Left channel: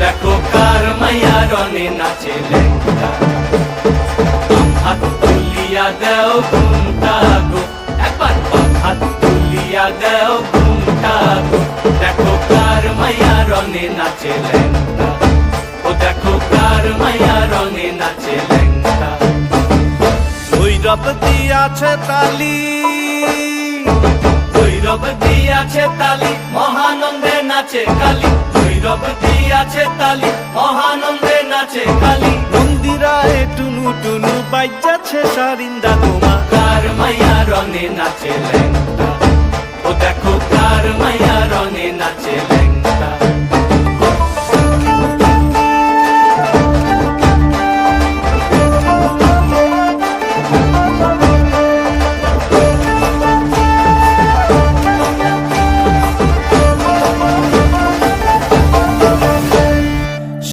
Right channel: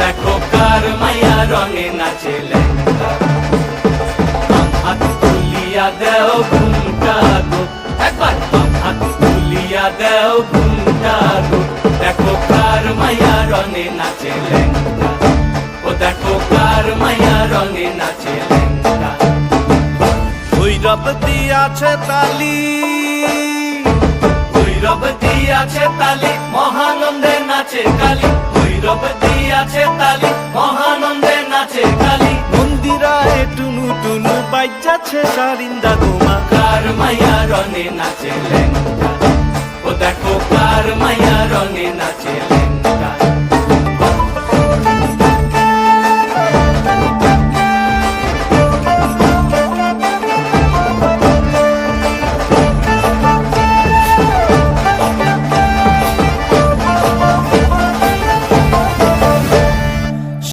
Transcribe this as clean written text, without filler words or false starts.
দেখো কার মাইয়া রঙে নাচে লেঙ্গা হাত তুলিয়া দেও ঘুমটা গো একবার হাত তুলিয়া দেও ঘুমটা গো দেখো কার মাইয়া রঙে নাচে লেঙ্গা ও দেখো কার মাইয়া রঙে নাচে লেঙ্গা ভৈরব দিয়াছে তালি ভৈরব দিয়াছে তালি মহানন্দে নাচে কালী ভৈরব দিয়াছে তালি মহানন্দে নাচে কালী মন্দিরায় টুনু টুনু বাইজাছে সারিন্দা গোমা কার মাইয়া রঙে নাচে লেঙ্গা ও দেখো কার মাইয়া রঙে নাচে লেঙ্গা